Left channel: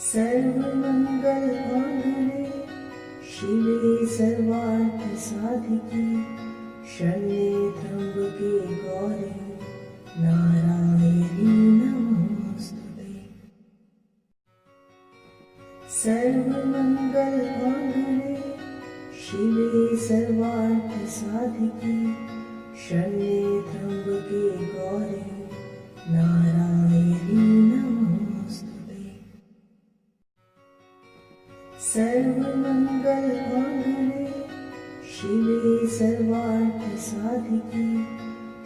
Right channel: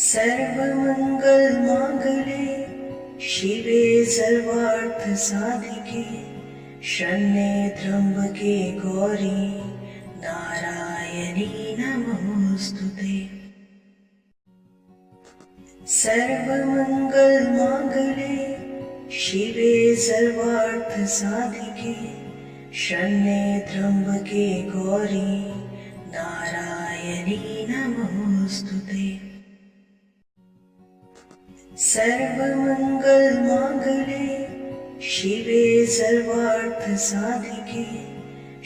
सर्वमङ्गलमाङ्गल्ये शिवे सर्वार्थसाधिके शरण्ये त्र्यम्बके गौरी नारायणी नमोऽस्तुते। सर्वमङ्गलमाङ्गल्ये शिवे सर्वार्थसाधिके शरण्ये त्र्यम्बके गौरी नारायणी नमोऽस्तुते। सर्वमङ्गलमाङ्गल्ये शिवे सर्वार्थसाधिके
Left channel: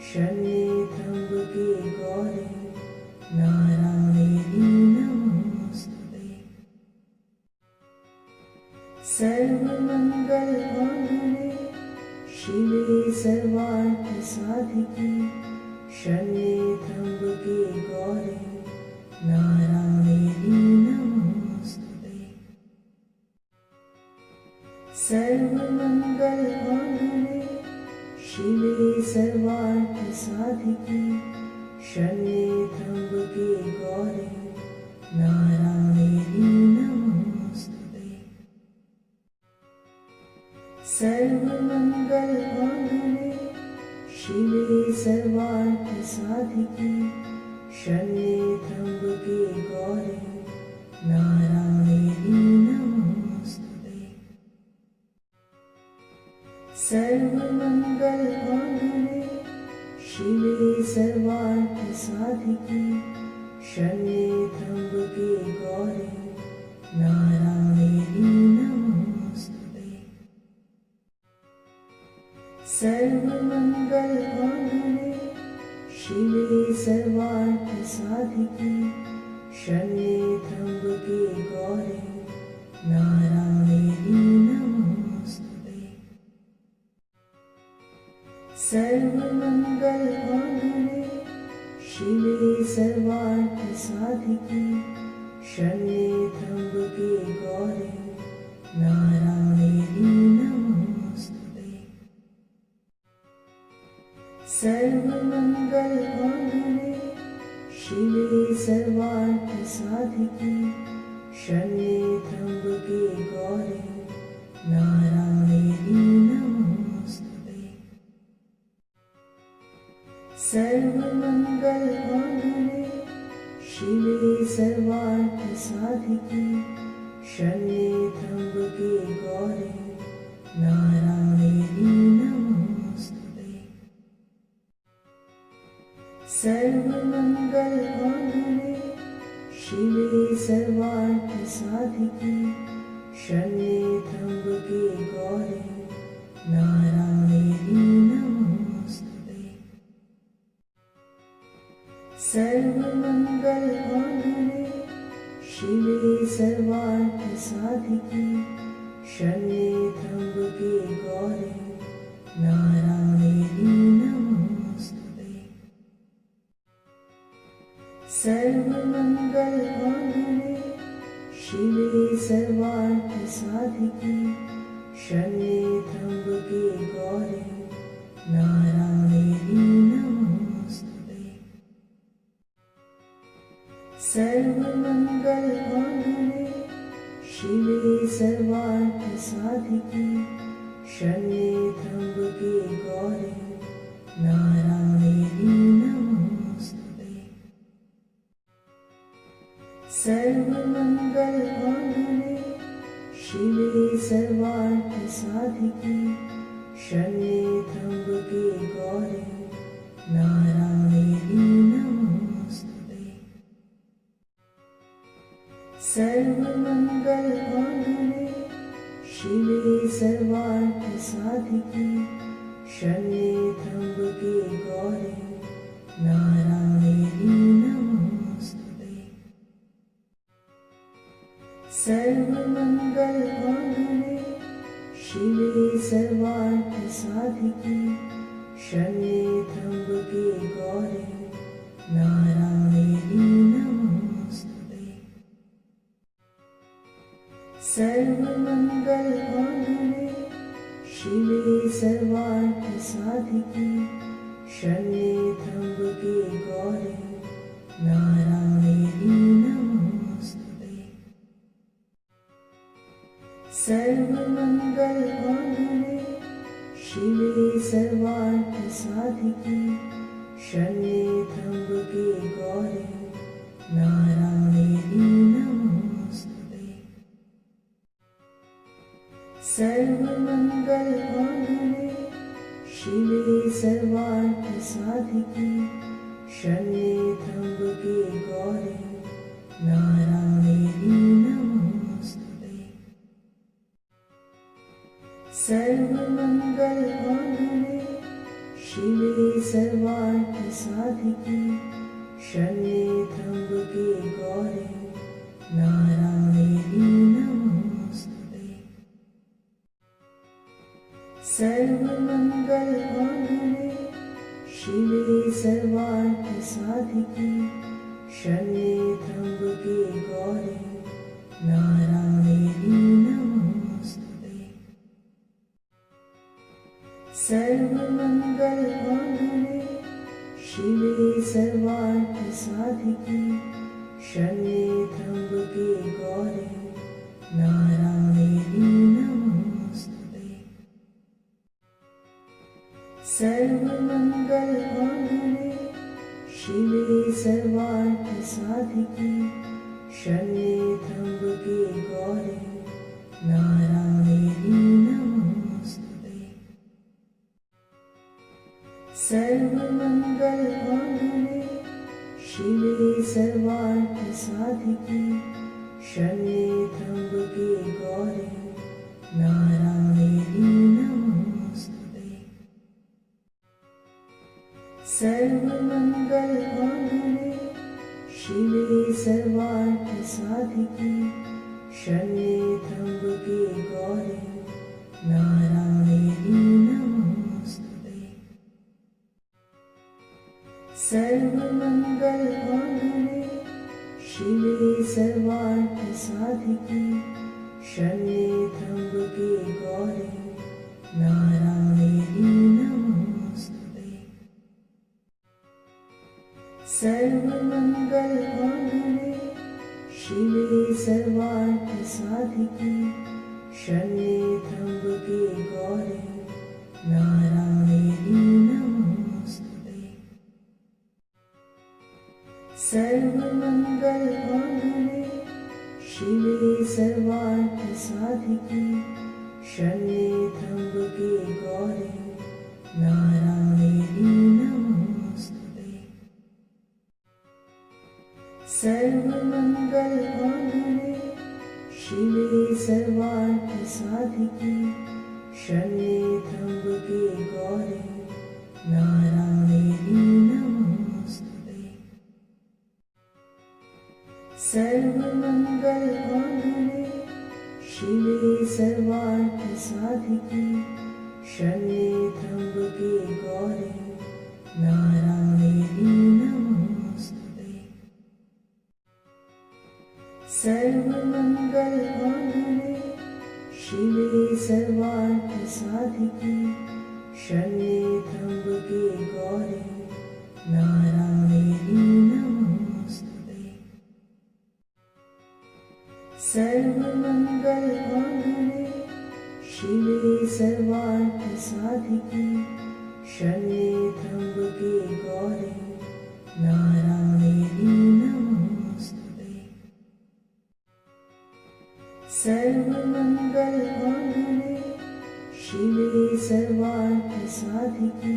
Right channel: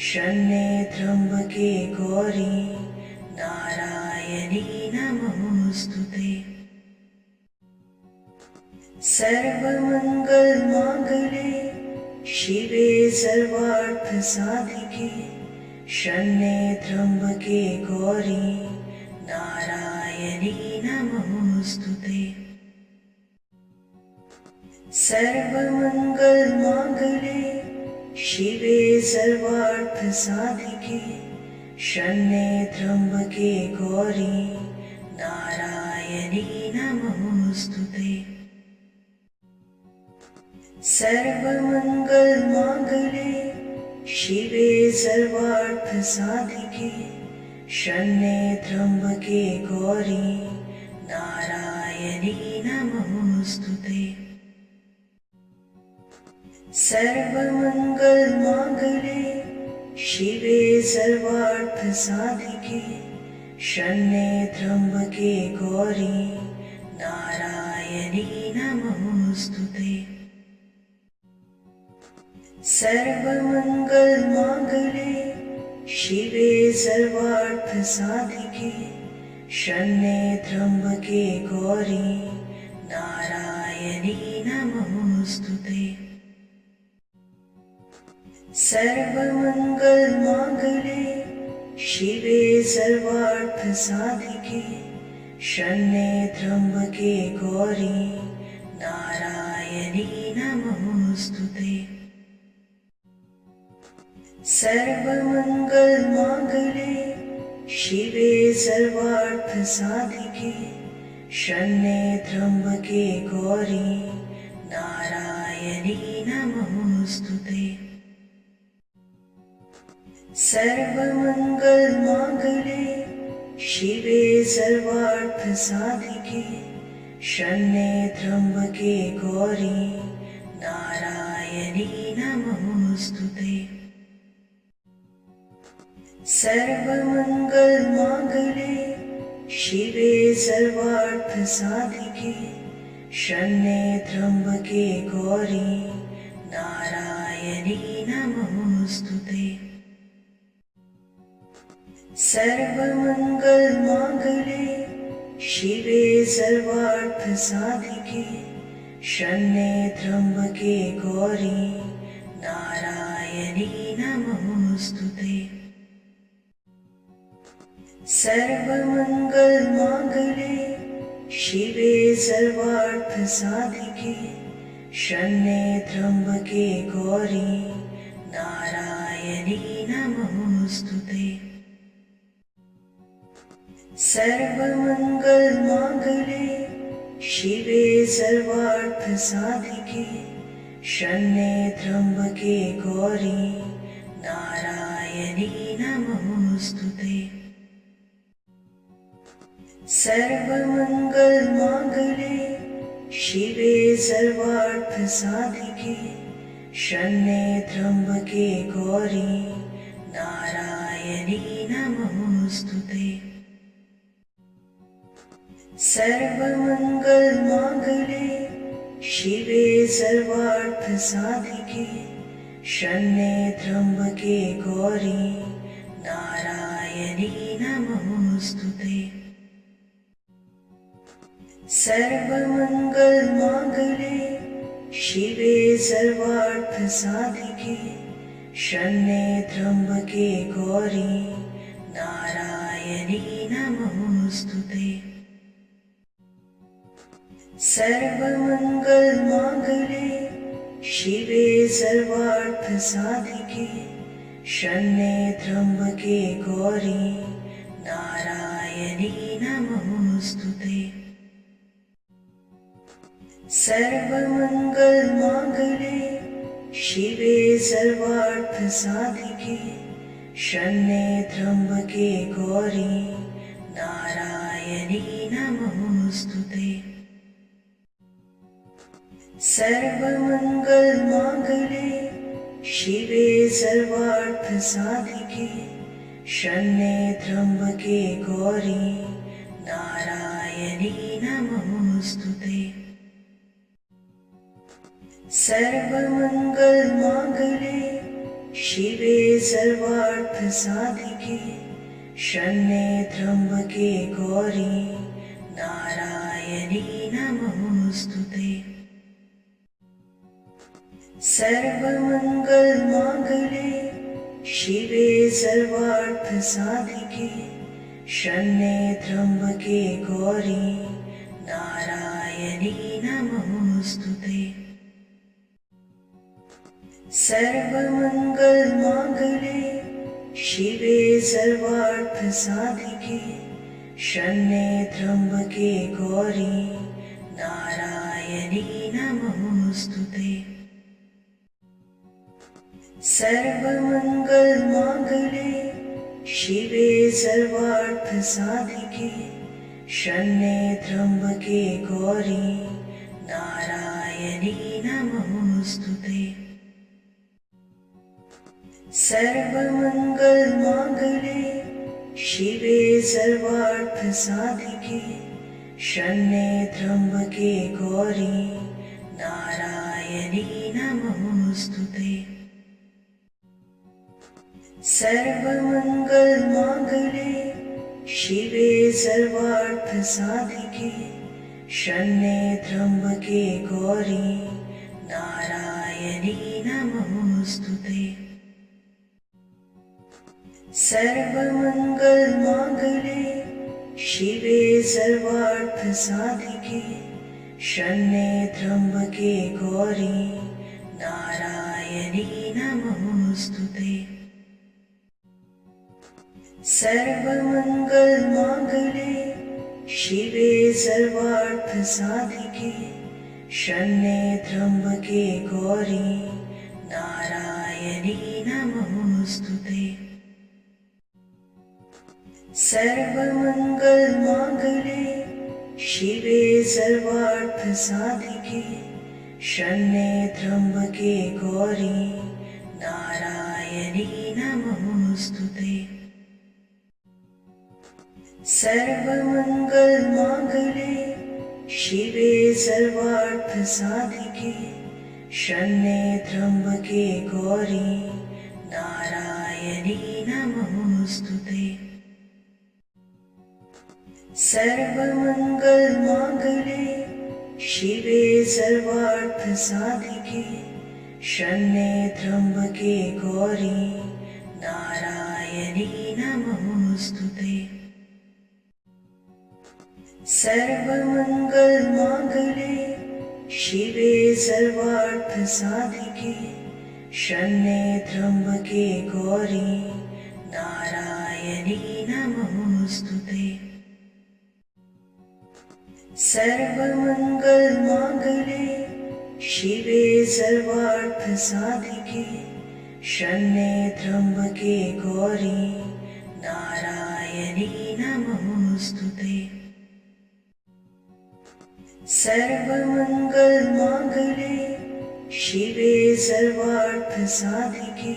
शरण्ये त्र्यम्बके गौरी नारायणी नमोऽस्तुते। सर्वमङ्गलमाङ्गल्ये शिवे सर्वार्थसाधिके शरण्ये त्र्यम्बके गौरी नारायणी नमोऽस्तुते। सर्वमङ्गलमाङ्गल्ये शिवे सर्वार्थसाधिके शरण्ये त्र्यम्बके गौरी नारायणी नमोऽस्तुते। सर्वमङ्गलमाङ्गल्ये शिवे सर्वार्थसाधिके शरण्ये त्र्यम्बके गौरी नारायणी नमोऽस्तुते। सर्वमङ्गलमाङ्गल्ये शिवे सर्वार्थसाधिके शरण्ये त्र्यम्बके गौरी नारायणी नमोऽस्तुते। सर्वमङ्गलमाङ्गल्ये शिवे सर्वार्थसाधिके शरण्ये त्र्यम्बके गौरी नारायणी नमोऽस्तुते। सर्वमङ्गलमाङ्गल्ये शिवे सर्वार्थसाधिके शरण्ये त्र्यम्बके गौरी नारायणी नमोऽस्तुते। सर्वमङ्गलमाङ्गल्ये शिवे सर्वार्थसाधिके शरण्ये त्र्यम्बके गौरी नारायणी नमोऽस्तुते। सर्वमङ्गलमाङ्गल्ये शिवे सर्वार्थसाधिके शरण्ये त्र्यम्बके गौरी नारायणी नमोऽस्तुते। सर्वमङ्गलमाङ्गल्ये शिवे सर्वार्थसाधिके शरण्ये त्र्यम्बके गौरी नारायणी नमोऽस्तुते। सर्वमङ्गलमाङ्गल्ये शिवे सर्वार्थसाधिके शरण्ये त्र्यम्बके गौरी नारायणी नमोऽस्तुते। सर्वमङ्गलमाङ्गल्ये शिवे सर्वार्थसाधिके शरण्ये त्र्यम्बके गौरी नारायणी नमोऽस्तुते। सर्वमङ्गलमाङ्गल्ये शिवे सर्वार्थसाधिके शरण्ये त्र्यम्बके गौरी नारायणी नमोऽस्तुते। सर्वमङ्गलमाङ्गल्ये शिवे सर्वार्थसाधिके शरण्ये त्र्यम्बके गौरी नारायणी नमोऽस्तुते। सर्वमङ्गलमाङ्गल्ये शिवे सर्वार्थसाधिके शरण्ये त्र्यम्बके गौरी नारायणी नमोऽस्तुते। सर्वमङ्गलमाङ्गल्ये शिवे सर्वार्थसाधिके शरण्ये त्र्यम्बके गौरी नारायणी नमोऽस्तुते। सर्वमङ्गलमाङ्गल्ये शिवे सर्वार्थसाधिके शरण्ये त्र्यम्बके गौरी नारायणी नमोऽस्तुते। सर्वमंगल मांगल्ये शिवे सर्वार्थ साधिके शरण्ये त्र्यंबके गौरी नारायणी नमोस्तुते। सर्वमंगल मांगल्ये शिवे सर्वार्थ साधिके शरण्ये त्र्यंबके गौरी नारायणी नमोस्तुते। सर्वमंगल मांगल्ये शिवे सर्वार्थ साधिके शरण्ये त्र्यंबके गौरी नारायणी नमोस्तुते। सर्वमंगल मांगल्ये शिवे सर्वार्थ साधिके शरण्ये त्र्यंबके गौरी नारायणी नमोस्तुते। सर्वमंगल मांगल्ये शिवे सर्वार्थ साधिके शरण्ये त्र्यंबके गौरी नारायणी नमोस्तुते। सर्वमंगल मांगल्ये शिवे सर्वार्थ साधिके शरण्ये त्र्यंबके गौरी नारायणी नमोस्तुते। सर्वमंगल मांगल्ये शिवे सर्वार्थ साधिके शरण्ये त्र्यंबके गौरी नारायणी नमोस्तुते। सर्वमंगल मांगल्ये शिवे सर्वार्थ साधिके शरण्ये त्र्यंबके गौरी नारायणी नमोस्तुते। सर्वमंगल मांगल्ये शिवे सर्वार्थ साधिके शरण्ये त्र्यंबके गौरी नारायणी नमोस्तुते। सर्वमंगल मांगल्ये शिवे सर्वार्थ साधिके शरण्ये त्र्यंबके गौरी नारायणी नमोस्तुते। सर्वमंगल मांगल्ये शिवे सर्वार्थ साधिके शरण्ये त्र्यंबके गौरी नारायणी नमोस्तुते। सर्वमंगल मांगल्ये शिवे सर्वार्थ साधिके शरण्ये त्र्यंबके गौरी नारायणी नमोस्तुते। सर्वमंगल मांगल्ये शिवे सर्वार्थ साधिके शरण्ये त्र्यंबके गौरी नारायणी नमोस्तुते। सर्वमंगल मांगल्ये शिवे सर्वार्थ साधिके शरण्ये त्र्यंबके गौरी नारायणी नमोस्तुते। सर्वमंगल मांगल्ये शिवे सर्वार्थ साधिके शरण्ये त्र्यंबके गौरी नारायणी नमोस्तुते। सर्वमंगल मांगल्ये शिवे सर्वार्थ साधिके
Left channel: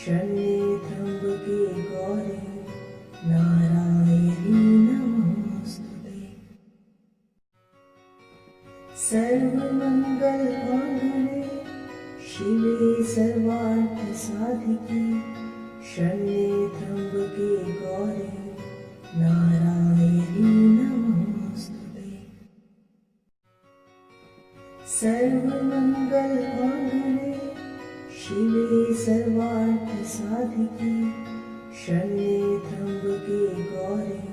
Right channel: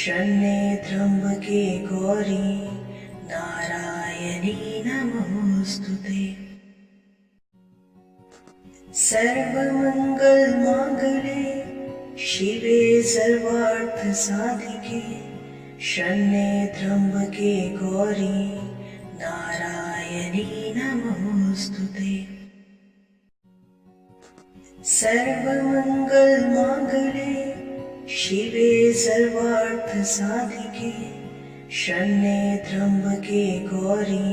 शरण्ये त्र्यंबके गौरी नारायणी नमोस्तुते। सर्वमंगल मांगल्ये शिवे सर्वार्थ साधिके शरण्ये त्र्यंबके गौरी नारायणी नमोस्तुते। सर्वमंगल मांगल्ये शिवे सर्वार्थ साधिके शरण्ये त्र्यंबके गौरी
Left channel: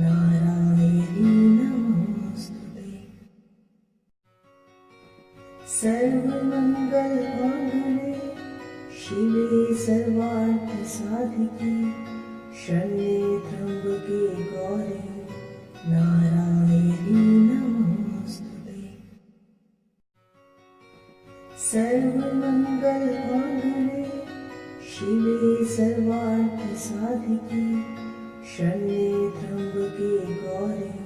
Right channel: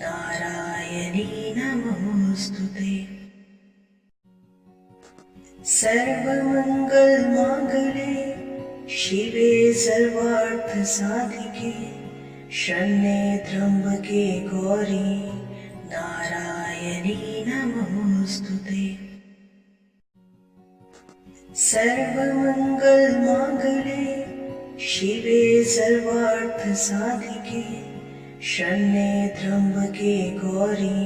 नारायणी नमोस्तुते। सर्वमंगल मांगल्ये शिवे सर्वार्थ साधिके शरण्ये त्र्यंबके गौरी नारायणी नमोस्तुते। सर्वमंगल मांगल्ये शिवे सर्वार्थ साधिके शरण्ये त्र्यंबके गौरी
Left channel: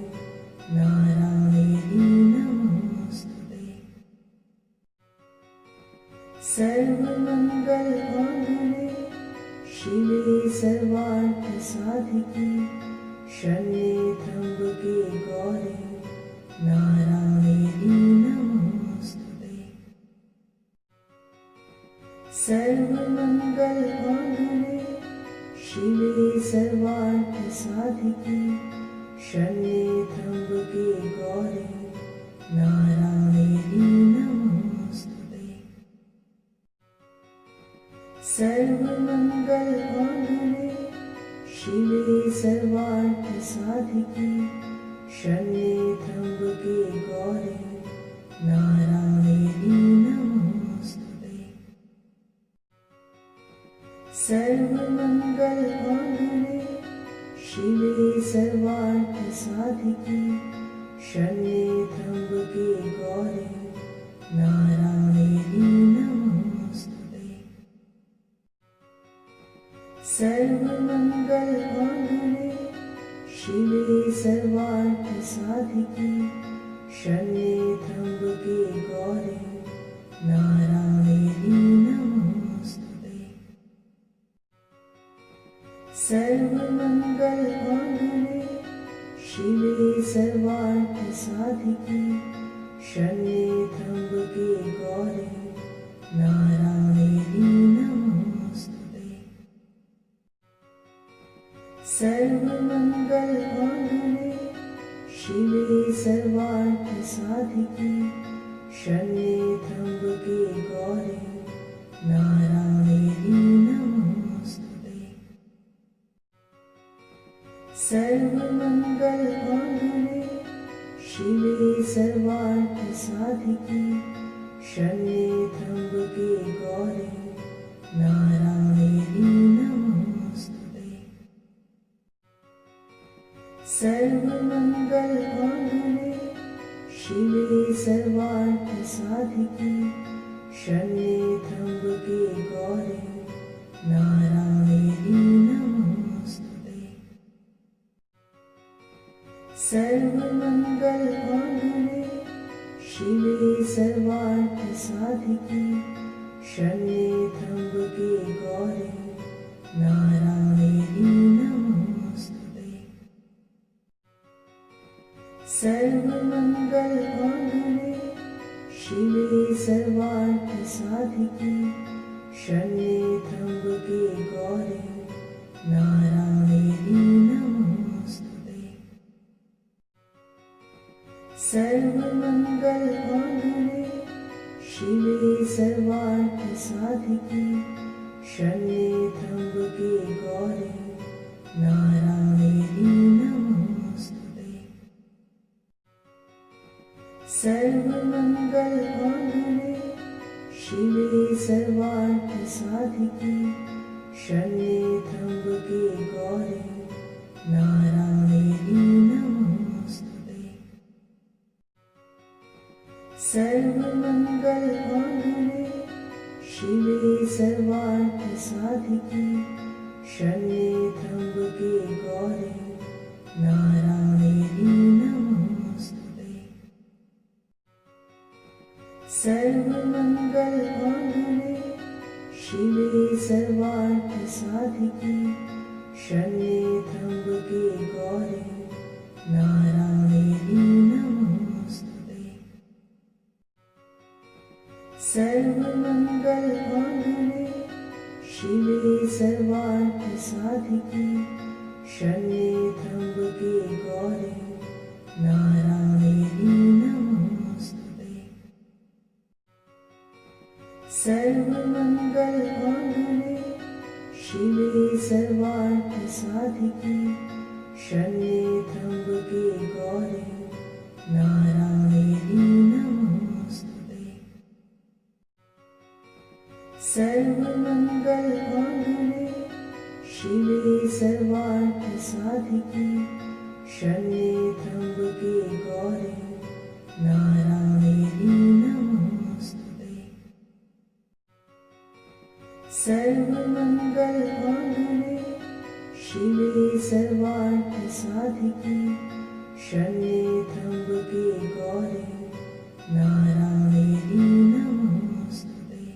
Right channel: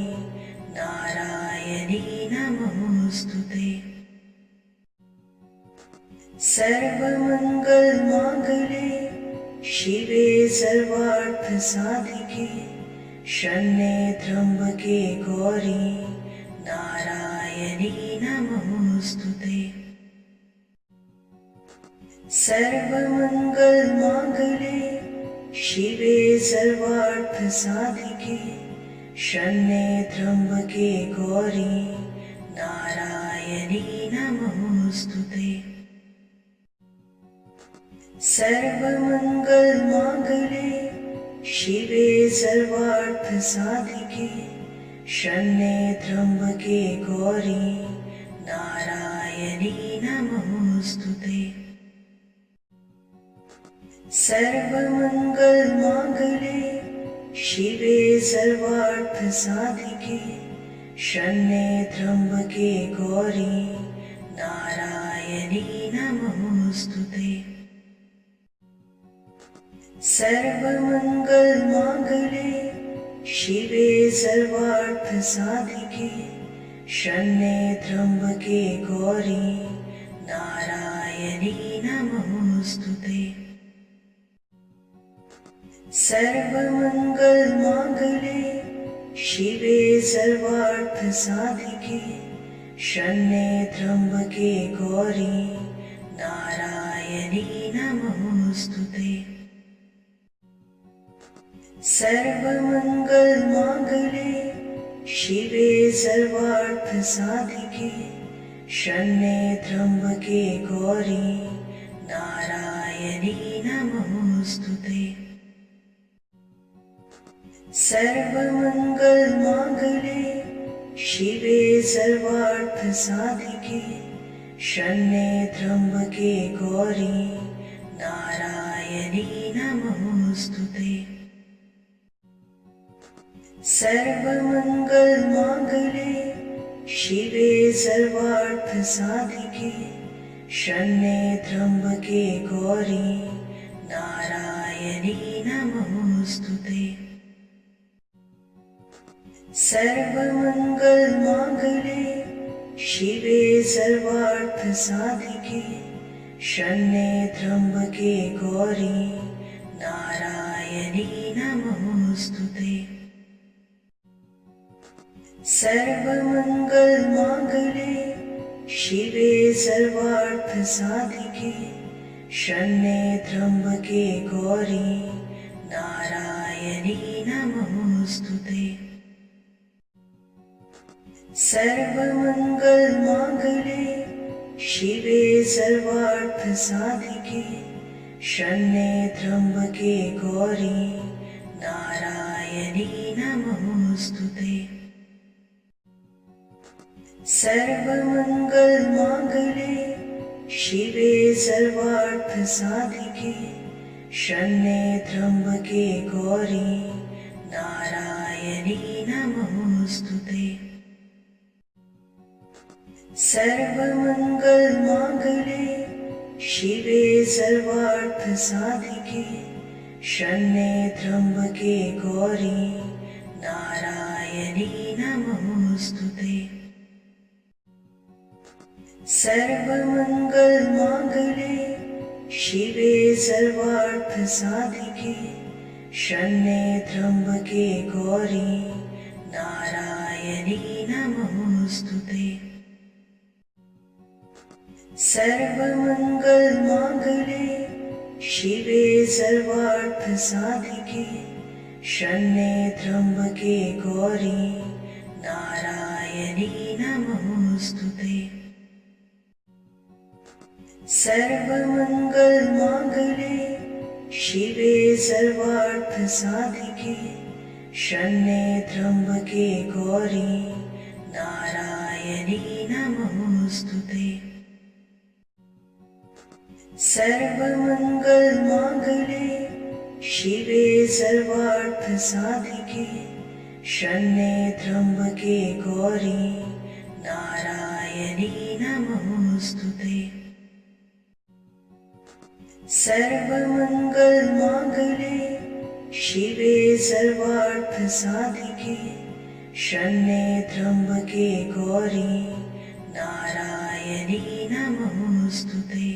नारायणी नमोस्तुते। सर्वमंगल मांगल्ये शिवे सर्वार्थ साधिके शरण्ये त्र्यंबके गौरी नारायणी नमोस्तुते। सर्वमंगल मांगल्ये शिवे सर्वार्थ साधिके शरण्ये त्र्यंबके गौरी नारायणी नमोस्तुते। सर्वमंगल मांगल्ये शिवे सर्वार्थ साधिके शरण्ये त्र्यंबके गौरी नारायणी नमोस्तुते। सर्वमंगल मांगल्ये शिवे सर्वार्थ साधिके शरण्ये त्र्यंबके गौरी नारायणी नमोस्तुते। सर्वमंगल मांगल्ये शिवे सर्वार्थ साधिके शरण्ये त्र्यंबके गौरी नारायणी नमोस्तुते। सर्वमंगल मांगल्ये शिवे सर्वार्थ साधिके शरण्ये त्र्यंबके गौरी नारायणी नमोस्तुते। सर्वमंगल मांगल्ये शिवे सर्वार्थ साधिके शरण्ये त्र्यंबके गौरी नारायणी नमोस्तुते। सर्वमंगल मांगल्ये शिवे सर्वार्थ साधिके शरण्ये त्र्यंबके गौरी नारायणी नमोस्तुते। सर्वमंगल मांगल्ये शिवे सर्वार्थ साधिके शरण्ये त्र्यंबके गौरी नारायणी नमोस्तुते। सर्वमंगल मांगल्ये शिवे सर्वार्थ साधिके शरण्ये त्र्यंबके गौरी नारायणी नमोस्तुते। सर्वमंगल मांगल्ये शिवे सर्वार्थ साधिके शरण्ये त्र्यंबके गौरी नारायणी नमोस्तुते। सर्वमंगल मांगल्ये शिवे सर्वार्थ साधिके शरण्ये त्र्यंबके गौरी नारायणी नमोस्तुते। सर्वमंगल मांगल्ये शिवे सर्वार्थ साधिके शरण्ये त्र्यंबके गौरी नारायणी नमोस्तुते। सर्वमंगल मांगल्ये शिवे सर्वार्थ साधिके शरण्ये त्र्यंबके गौरी नारायणी नमोस्तुते। सर्वमंगल मांगल्ये शिवे सर्वार्थ साधिके शरण्ये त्र्यंबके गौरी नारायणी नमोस्तुते। सर्वमंगल मांगल्ये शिवे सर्वार्थ साधिके शरण्ये त्र्यंबके गौरी नारायणी नमोस्तुते। सर्वमंगल मांगल्ये शिवे सर्वार्थ साधिके शरण्ये त्र्यंबके गौरी नारायणी नमोस्तुते। सर्वमंगल मांगल्ये शिवे सर्वार्थ साधिके शरण्ये त्र्यंबके गौरी नारायणी नमोस्तुते। सर्वमंगल मांगल्ये शिवे सर्वार्थ साधिके शरण्ये त्र्यंबके गौरी नारायणी नमोस्तुते।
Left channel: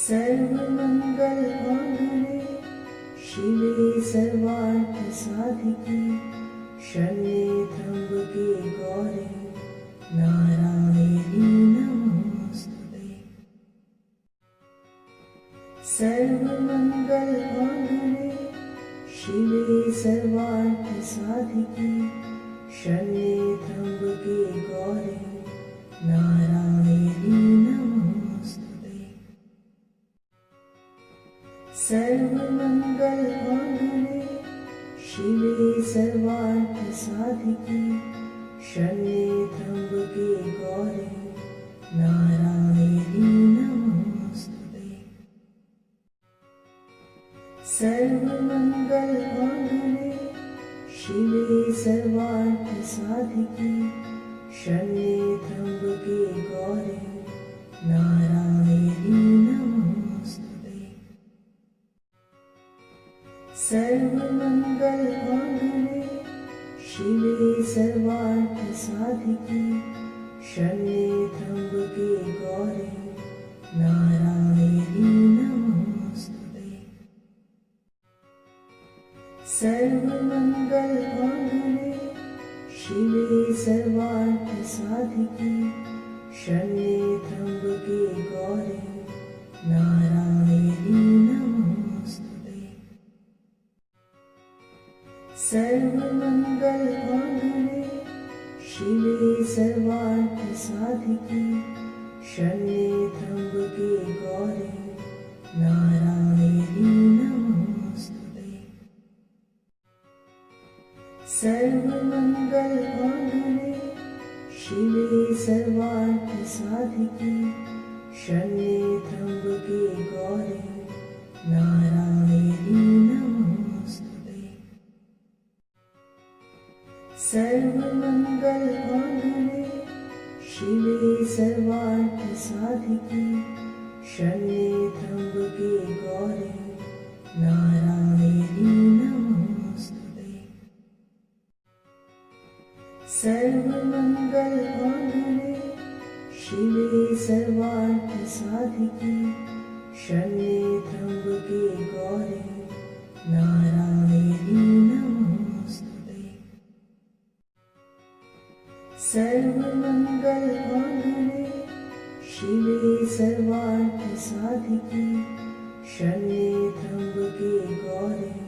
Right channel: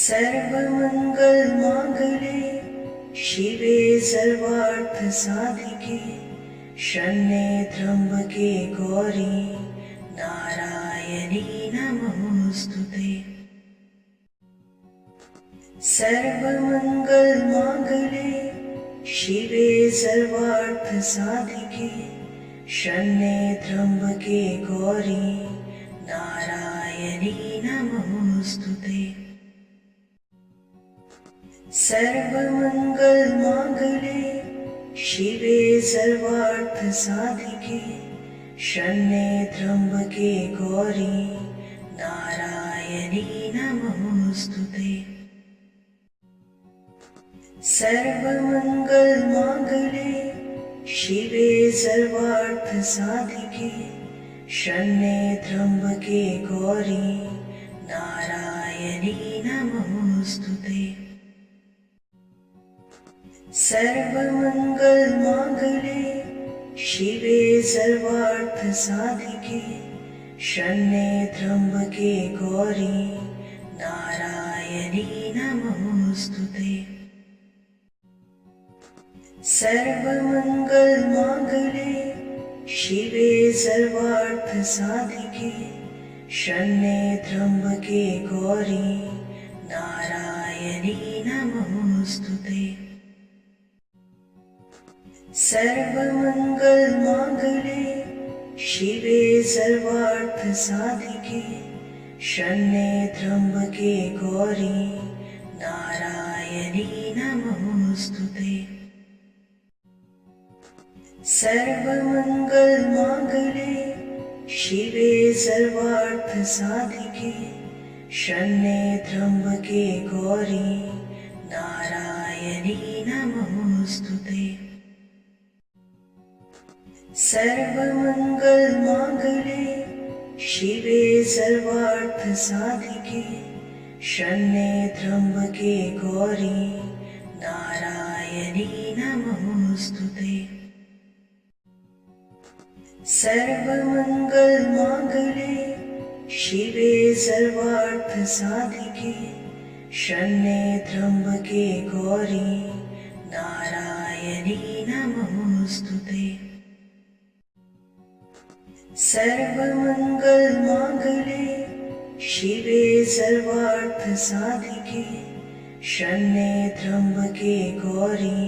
सर्वमंगल मांगल्ये शिवे सर्वार्थ साधिके शरण्ये त्र्यंबके गौरी नारायणी नमोस्तुते। सर्वमंगल मांगल्ये शिवे सर्वार्थ साधिके शरण्ये त्र्यंबके गौरी नारायणी नमोस्तुते। सर्वमंगल मांगल्ये शिवे सर्वार्थ साधिके शरण्ये त्र्यंबके गौरी नारायणी नमोस्तुते। सर्वमंगल मांगल्ये शिवे सर्वार्थ साधिके शरण्ये त्र्यंबके गौरी नारायणी नमोस्तुते। सर्वमंगल मांगल्ये शिवे सर्वार्थ साधिके शरण्ये त्र्यंबके गौरी नारायणी नमोस्तुते। सर्वमंगल मांगल्ये शिवे सर्वार्थ साधिके शरण्ये त्र्यंबके गौरी नारायणी नमोस्तुते। सर्वमंगल मांगल्ये शिवे सर्वार्थ साधिके शरण्ये त्र्यंबके गौरी नारायणी नमोस्तुते। सर्वमंगल मांगल्ये शिवे सर्वार्थ साधिके शरण्ये त्र्यंबके गौरी नारायणी नमोस्तुते। सर्वमंगल मांगल्ये शिवे सर्वार्थ साधिके शरण्ये त्र्यंबके गौरी नारायणी नमोस्तुते। सर्वमंगल मांगल्ये शिवे सर्वार्थ साधिके शरण्ये त्र्यंबके गौरी नारायणी नमोस्तुते। सर्वमंगल मांगल्ये शिवे सर्वार्थ साधिके शरण्ये त्र्यंबके गौरी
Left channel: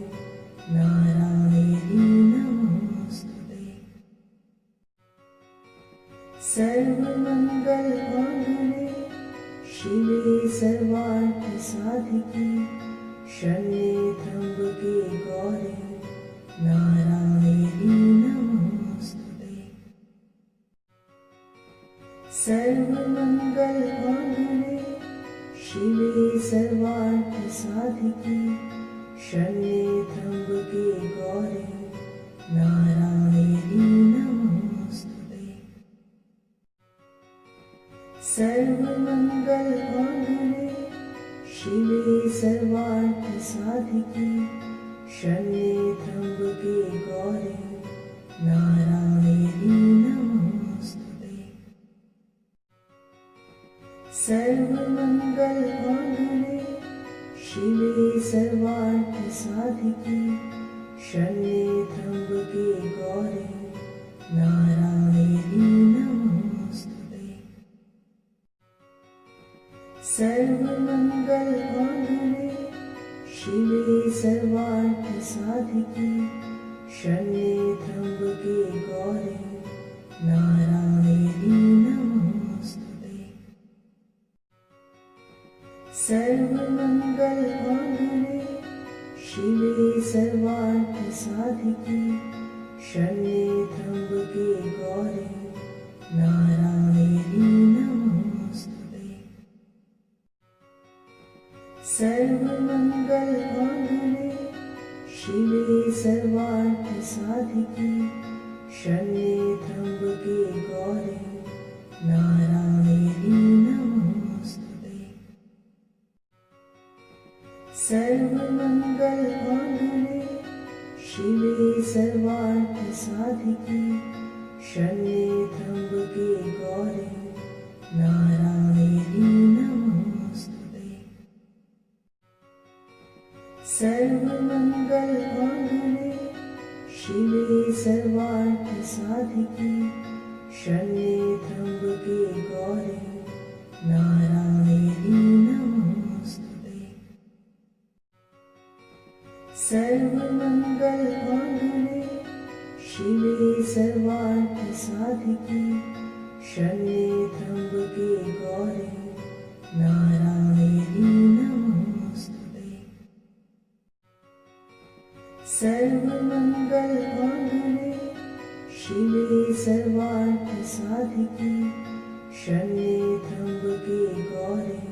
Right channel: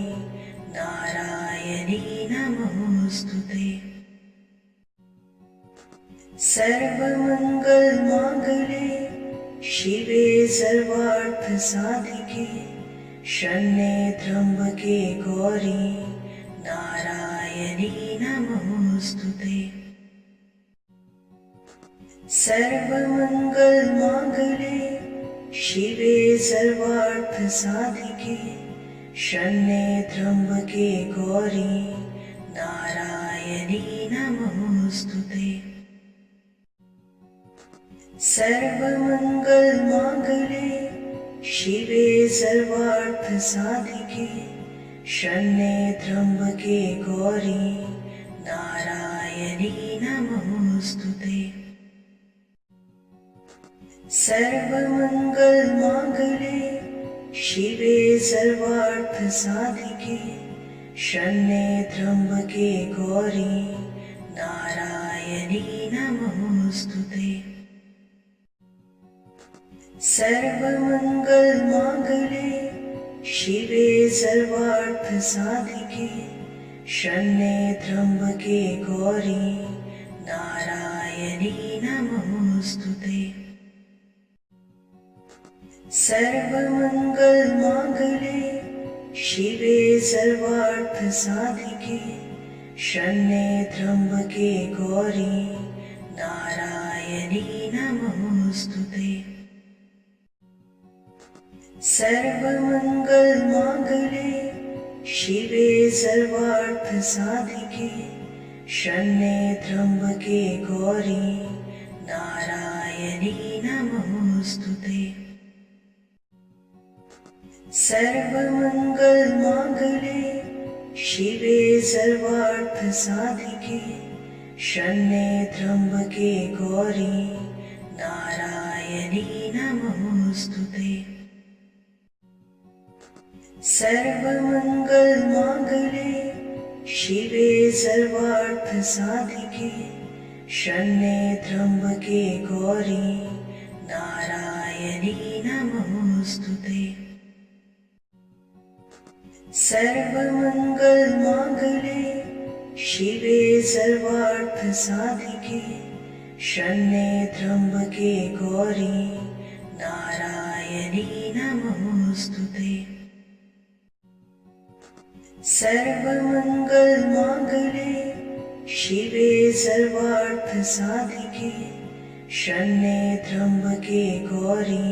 नारायणी नमोस्तुते। सर्वमंगल मांगल्ये शिवे सर्वार्थ साधिके शरण्ये त्र्यंबके गौरी नारायणी नमोस्तुते। सर्वमंगल मांगल्ये शिवे सर्वार्थ साधिके शरण्ये त्र्यंबके गौरी नारायणी नमोस्तुते। सर्वमंगल मांगल्ये शिवे सर्वार्थ साधिके शरण्ये त्र्यंबके गौरी नारायणी नमोस्तुते। सर्वमंगल मांगल्ये शिवे सर्वार्थ साधिके शरण्ये त्र्यंबके गौरी नारायणी नमोस्तुते। सर्वमंगल मांगल्ये शिवे सर्वार्थ साधिके शरण्ये त्र्यंबके गौरी नारायणी नमोस्तुते। सर्वमंगल मांगल्ये शिवे सर्वार्थ साधिके शरण्ये त्र्यंबके गौरी नारायणी नमोस्तुते। सर्वमंगल मांगल्ये शिवे सर्वार्थ साधिके शरण्ये त्र्यंबके गौरी नारायणी नमोस्तुते। सर्वमंगल मांगल्ये शिवे सर्वार्थ साधिके शरण्ये त्र्यंबके गौरी नारायणी नमोस्तुते। सर्वमंगल मांगल्ये शिवे सर्वार्थ साधिके शरण्ये त्र्यंबके गौरी नारायणी नमोस्तुते। सर्वमंगल मांगल्ये शिवे सर्वार्थ साधिके शरण्ये त्र्यंबके गौरी नारायणी नमोस्तुते। सर्वमंगल मांगल्ये शिवे सर्वार्थ साधिके शरण्ये त्र्यंबके गौरी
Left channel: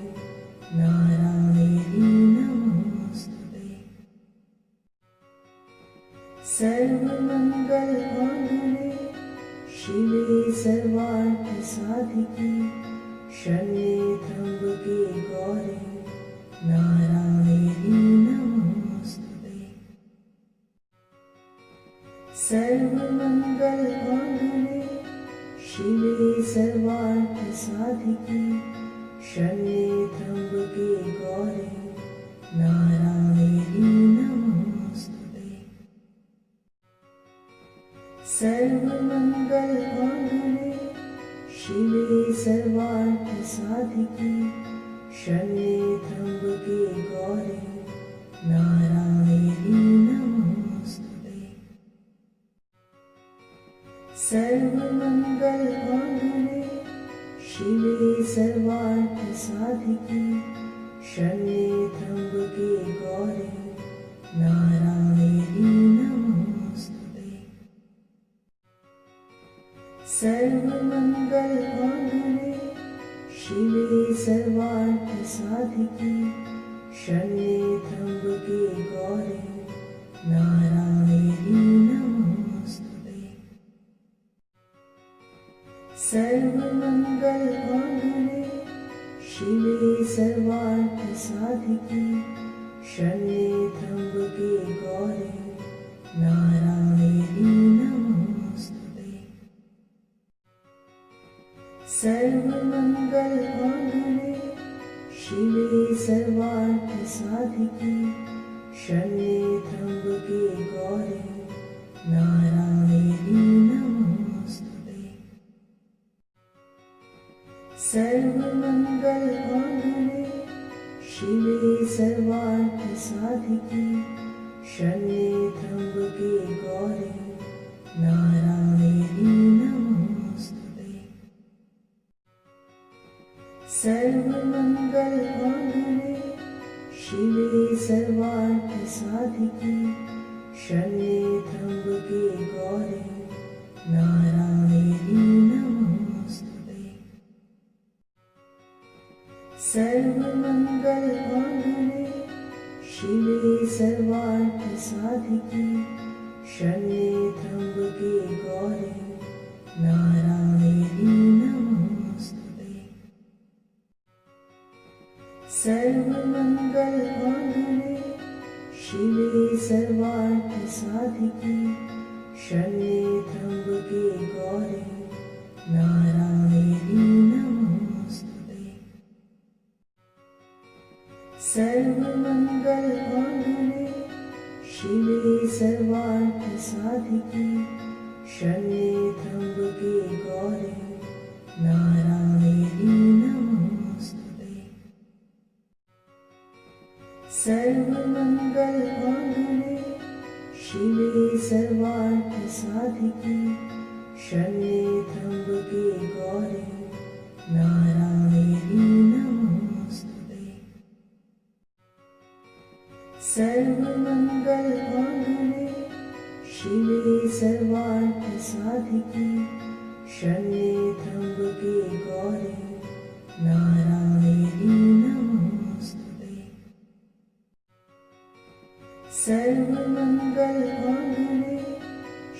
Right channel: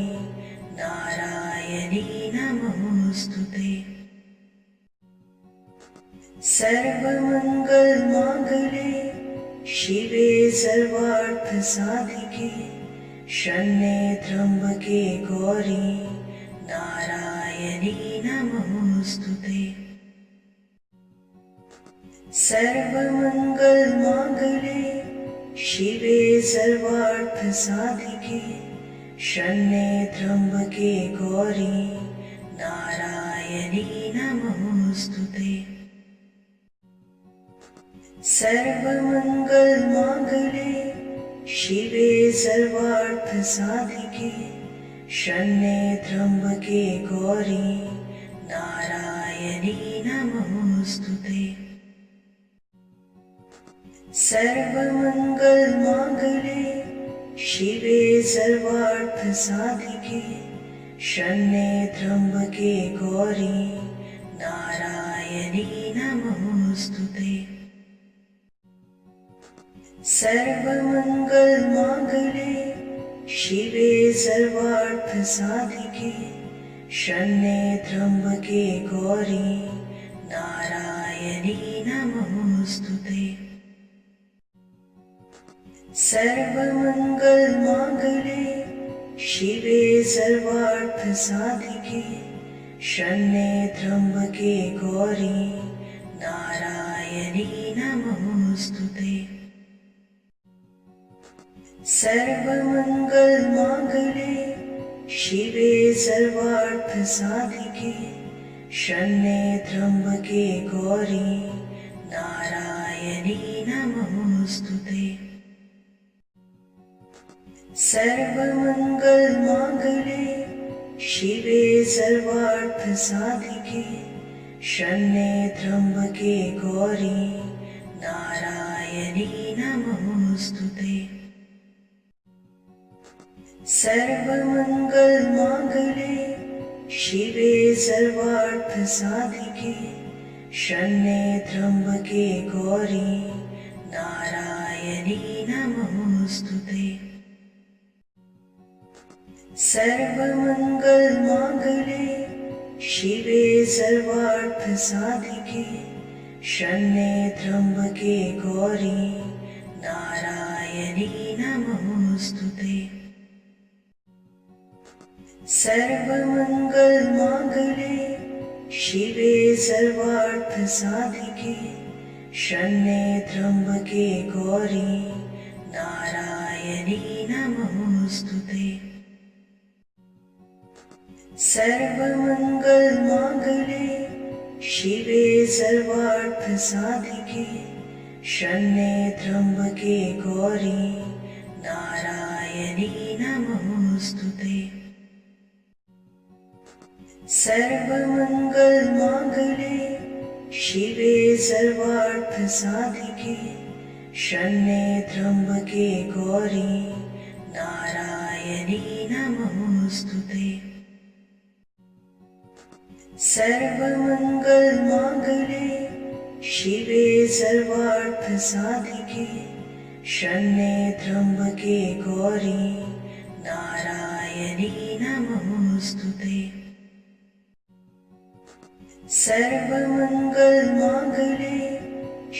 नारायणी नमोस्तुते। सर्वमंगल मांगल्ये शिवे सर्वार्थ साधिके शरण्ये त्र्यंबके गौरी नारायणी नमोस्तुते। सर्वमंगल मांगल्ये शिवे सर्वार्थ साधिके शरण्ये त्र्यंबके गौरी नारायणी नमोस्तुते। सर्वमंगल मांगल्ये शिवे सर्वार्थ साधिके शरण्ये त्र्यंबके गौरी नारायणी नमोस्तुते। सर्वमंगल मांगल्ये शिवे सर्वार्थ साधिके शरण्ये त्र्यंबके गौरी नारायणी नमोस्तुते। सर्वमंगल मांगल्ये शिवे सर्वार्थ साधिके शरण्ये त्र्यंबके गौरी नारायणी नमोस्तुते। सर्वमंगल मांगल्ये शिवे सर्वार्थ साधिके शरण्ये त्र्यंबके गौरी नारायणी नमोस्तुते। सर्वमंगल मांगल्ये शिवे सर्वार्थ साधिके शरण्ये त्र्यंबके गौरी नारायणी नमोस्तुते। सर्वमंगल मांगल्ये शिवे सर्वार्थ साधिके शरण्ये त्र्यंबके गौरी नारायणी नमोस्तुते। सर्वमंगल मांगल्ये शिवे सर्वार्थ साधिके शरण्ये त्र्यंबके गौरी नारायणी नमोस्तुते। सर्वमंगल मांगल्ये शिवे सर्वार्थ साधिके शरण्ये त्र्यंबके गौरी नारायणी नमोस्तुते। सर्वमंगल मांगल्ये शिवे सर्वार्थ साधिके शरण्ये त्र्यंबके गौरी नारायणी नमोस्तुते। सर्वमंगल मांगल्ये शिवे सर्वार्थ साधिके शरण्ये त्र्यंबके गौरी नारायणी नमोस्तुते। सर्वमंगल मांगल्ये शिवे सर्वार्थ साधिके शरण्ये त्र्यंबके गौरी नारायणी नमोस्तुते। सर्वमंगल मांगल्ये शिवे सर्वार्थ साधिके शरण्ये त्र्यंबके गौरी नारायणी नमोस्तुते। सर्वमंगल मांगल्ये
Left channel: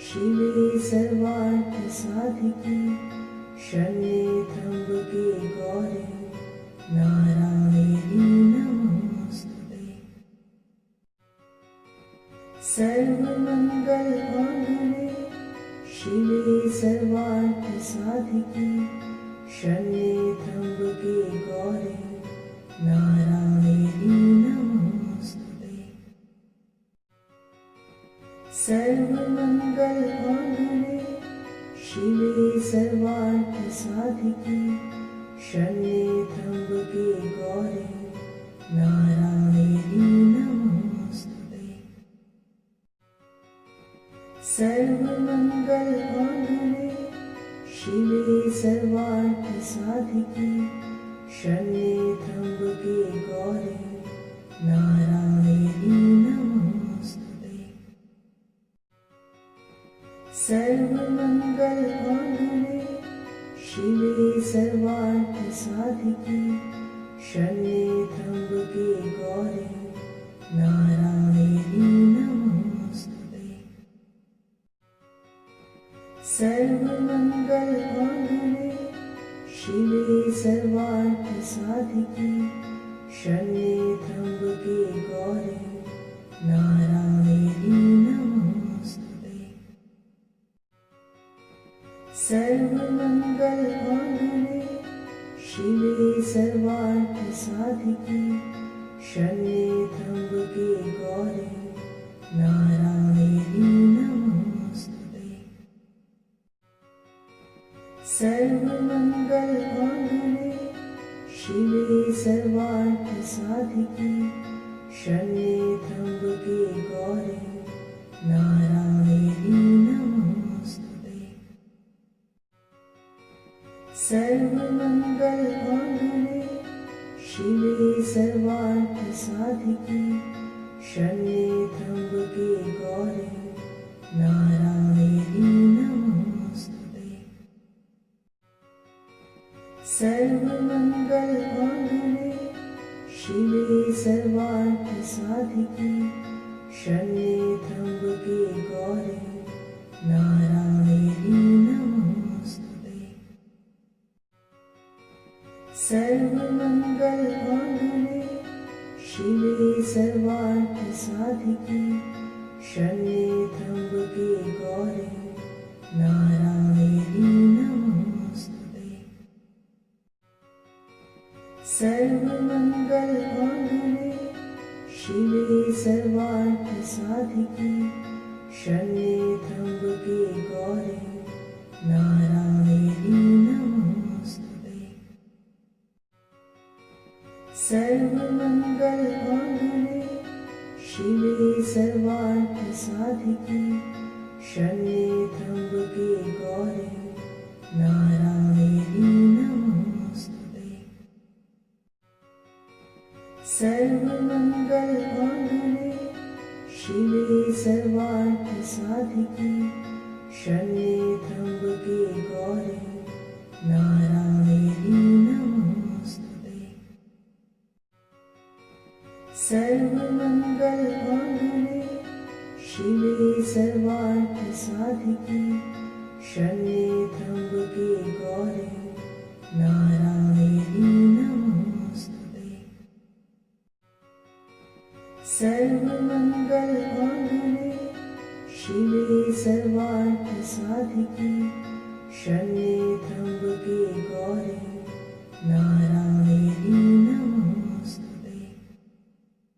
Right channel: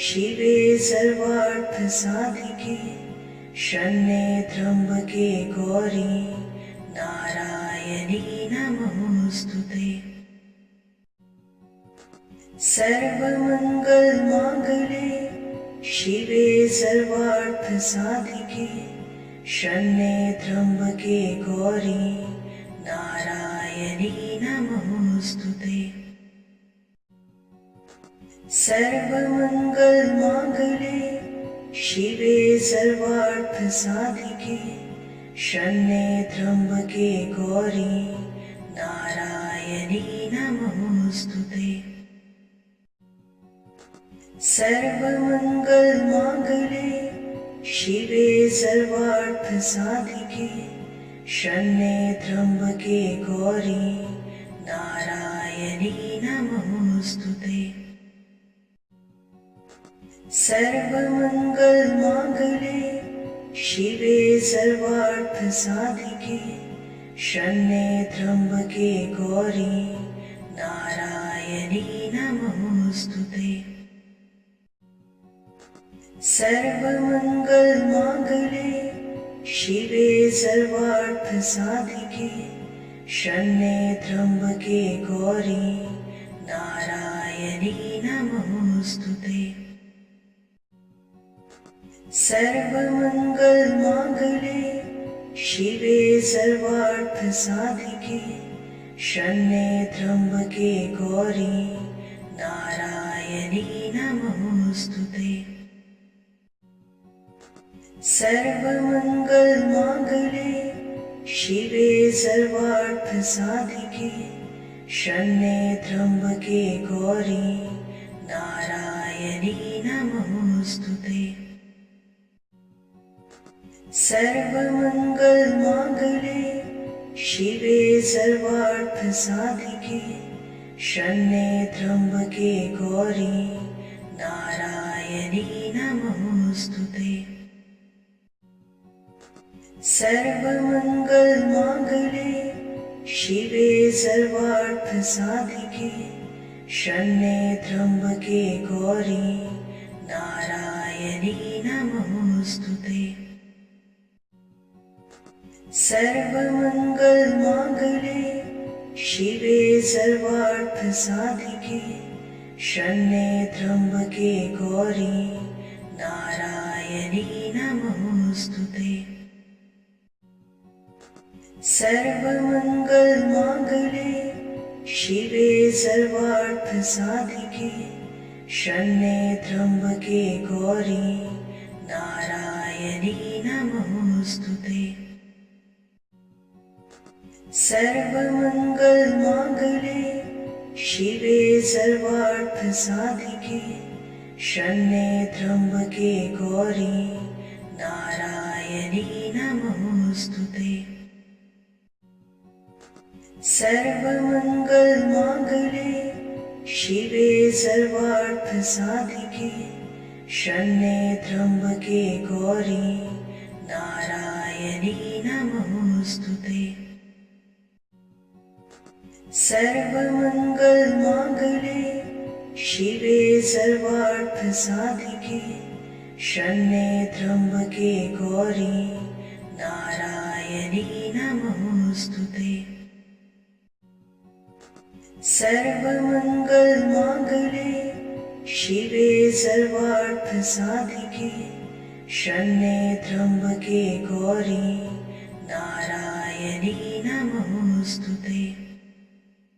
शिवे सर्वार्थ साधिके शरण्ये त्र्यंबके गौरी नारायणी नमोस्तुते। सर्वमंगल मांगल्ये शिवे सर्वार्थ साधिके शरण्ये त्र्यंबके गौरी नारायणी नमोस्तुते। सर्वमंगल मांगल्ये शिवे सर्वार्थ साधिके शरण्ये त्र्यंबके गौरी नारायणी नमोस्तुते। सर्वमंगल मांगल्ये शिवे सर्वार्थ साधिके शरण्ये त्र्यंबके गौरी नारायणी नमोस्तुते। सर्वमंगल मांगल्ये शिवे सर्वार्थ साधिके शरण्ये त्र्यंबके गौरी नारायणी नमोस्तुते। सर्वमंगल मांगल्ये शिवे सर्वार्थ साधिके शरण्ये त्र्यंबके गौरी नारायणी नमोस्तुते। सर्वमंगल मांगल्ये शिवे सर्वार्थ साधिके शरण्ये त्र्यंबके गौरी नारायणी नमोस्तुते। सर्वमंगल मांगल्ये शिवे सर्वार्थ साधिके शरण्ये त्र्यंबके गौरी नारायणी नमोस्तुते। सर्वमंगल मांगल्ये शिवे सर्वार्थ साधिके शरण्ये त्र्यंबके गौरी नारायणी नमोस्तुते। सर्वमंगल मांगल्ये शिवे सर्वार्थ साधिके शरण्ये त्र्यंबके गौरी नारायणी नमोस्तुते। सर्वमंगल मांगल्ये शिवे सर्वार्थ साधिके शरण्ये त्र्यंबके गौरी नारायणी नमोस्तुते। सर्वमंगल मांगल्ये शिवे सर्वार्थ साधिके शरण्ये त्र्यंबके गौरी नारायणी नमोस्तुते। सर्वमंगल मांगल्ये शिवे सर्वार्थ साधिके शरण्ये त्र्यंबके गौरी नारायणी नमोस्तुते। सर्वमंगल मांगल्ये शिवे सर्वार्थ साधिके शरण्ये त्र्यंबके गौरी नारायणी नमोस्तुते। सर्वमंगल मांगल्ये शिवे सर्वार्थ साधिके शरण्ये त्र्यंबके गौरी नारायणी नमोस्तुते। सर्वमंगल मांगल्ये शिवे सर्वार्थ साधिके शरण्ये त्र्यंबके गौरी नारायणी